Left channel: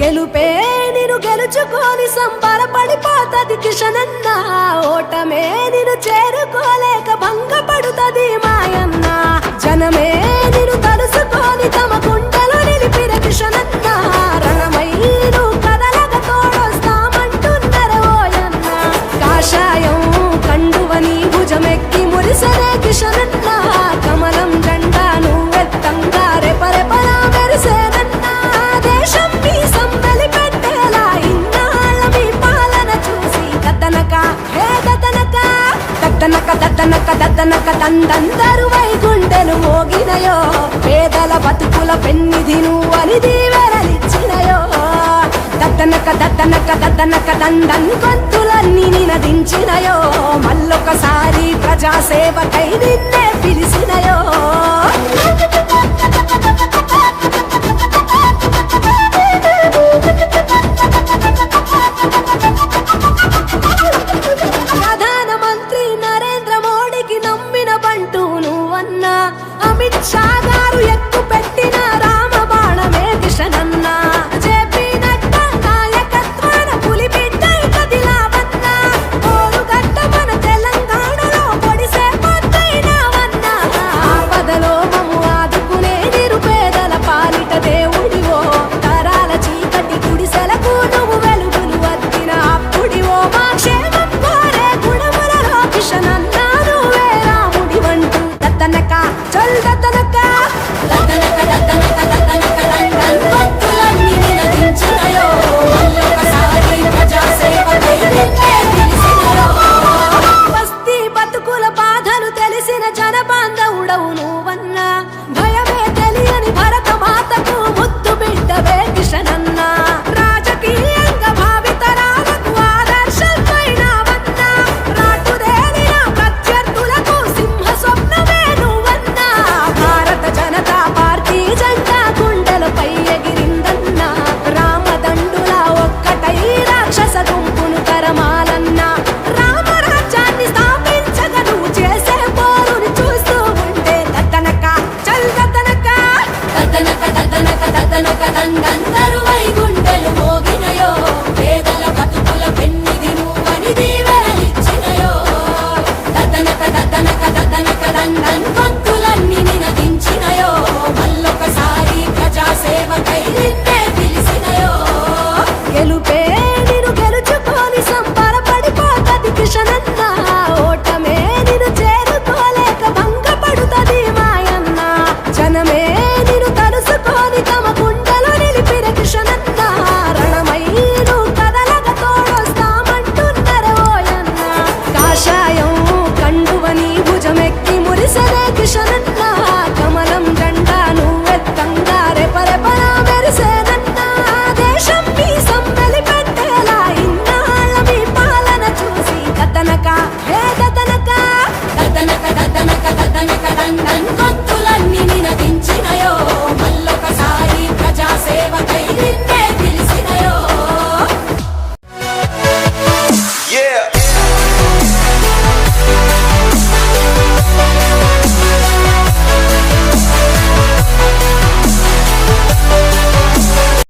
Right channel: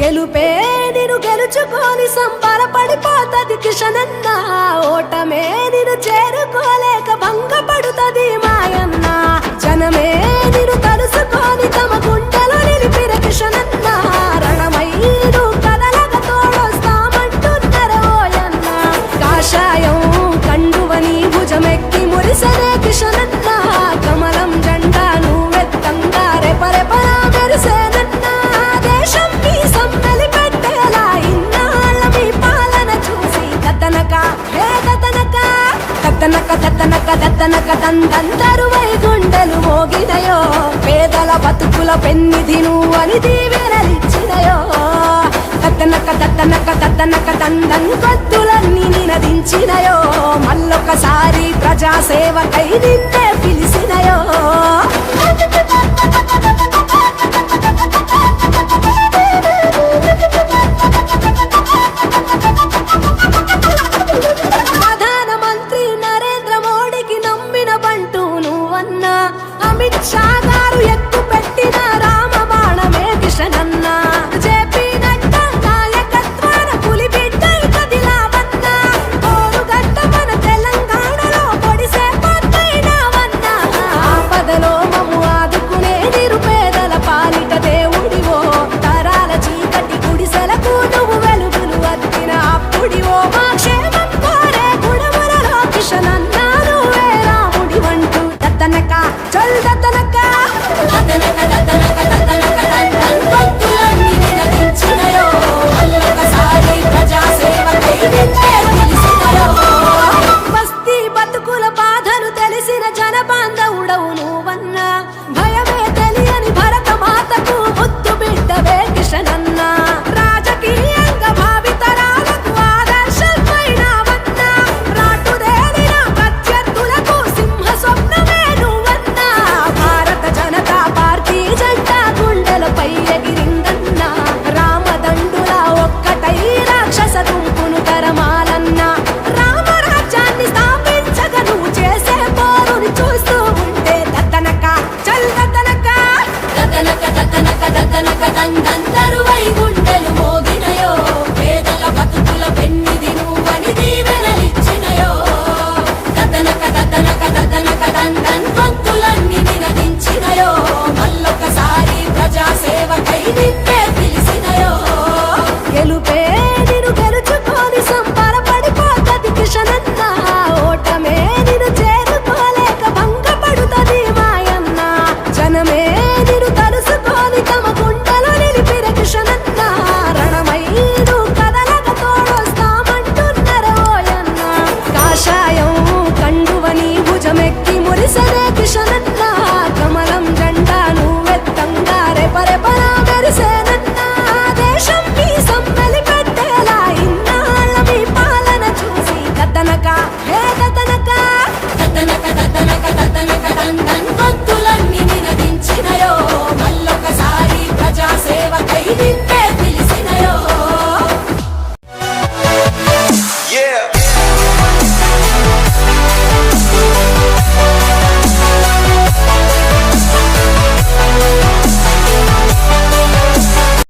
గెలుపే నేను గెలుచుకొని సంబరపడిపోతది కిషనన్న. ఓటమే నేను చేరుకోలేక భంగపడుతది మాయన్న. జనమే తలు తలుసుకొని తమ గుండెలో నిలిపిన కిషనన్న రణమై కదలగ తోడొస్తామంటున్నరే ఓయన్న. కాషాయం కండువని భుజమెక్కి మురిసనే కిషనన్న. కమలం జెండా నువ్వెత్తంగా రెపరెపలా మెరిసేనన్న దేశం మీ సమ్మెలి పెట్టేలా ఇన్నాళ్ళ మీ పాలన చూసి దద్దనక హే దద్దనక. దద్దనక దద్దనక దద్దనక దందందరు వైగుండెలు మోగినయో పేదల బతుకుల పెన్నిధి నువ్వని వెరలిచ్చినయో. దద్దనక దద్దనక దద్దనక దండం గొంతులన్నీ నినదించినయో. మళ్ళొకసారి ప్రజాసేవకై నిన్నే పిలిచినయో. ప్రధానమంత్రి నరేంద్ర మోడీకి నమ్మిన బంటూ నువ్వన్నా. అమిత్ షాగా బాణమే చెప్పినట్ట జేపీ నడ్డా నాయకత్వాన పులి బిడ్డ కదిలావన్నా. ఓరుగడ్డ మన తెలంగాణలో పొడిసే పొద్దైనావన్నా ఆపదలో మము ఆదుకునే నిరుపేదల పాలిట దేవుడివో. తరాల చీకటి గుడిసెలకు నువ్వు వెలుగులు అద్దిన అప్పుడివో. మా క్షేమం కోరే గుణములలో కిషన్ నువ్వే రాముడి వంటూ దత్తనక చల్ దత్తనక బస్తీ బతుకుల బాధలు తెలిసిన జన బాంధవుడవు నువ్వన్నా భయమే తెలియని భరత మాతకు ముద్దు బిడ్డవే కిషనన్న రాజకీయంగా భావితరాలకు ఆదర్శమైనవన్నా రాటుదేలిన ప్రత్యర్థులకు సింహ స్వప్నమే నువ్వన్నా. భారత జనతా పార్టీ జెండా గుండెలపై ఎగిరిందన్నా. రామదండులా ఒక్కటై రాక్షస గుంపును తరమాలన్నా. రామరాజ్యాన్ని స్థాపించగా నువ్వు చేసే పోరుని చూస్తూ ఉంటే దత్తనక దత్తనక గెలుపే నిన్ను గెలుచుకొని సంబరపడిపోతది కిషనన్న. ఓటమే నిన్ను చేరుకోలేక భంగపడుతుంది మాయన్న. జనమే నిన్ను తలుసుకొని తమ గుండెలో నిలిపిన కిషనన్న. రణమైను నువ్వు కదలగ తోడొస్తామంటున్నరే ఓయన్న. కాషాయం కండువని భుజమెక్కి మురిసనే కిషనన్న. కమలం జెండా నువ్వెత్తంగా రెపరెపలా మెరిసేన ఇన్నాళ్ళ మీ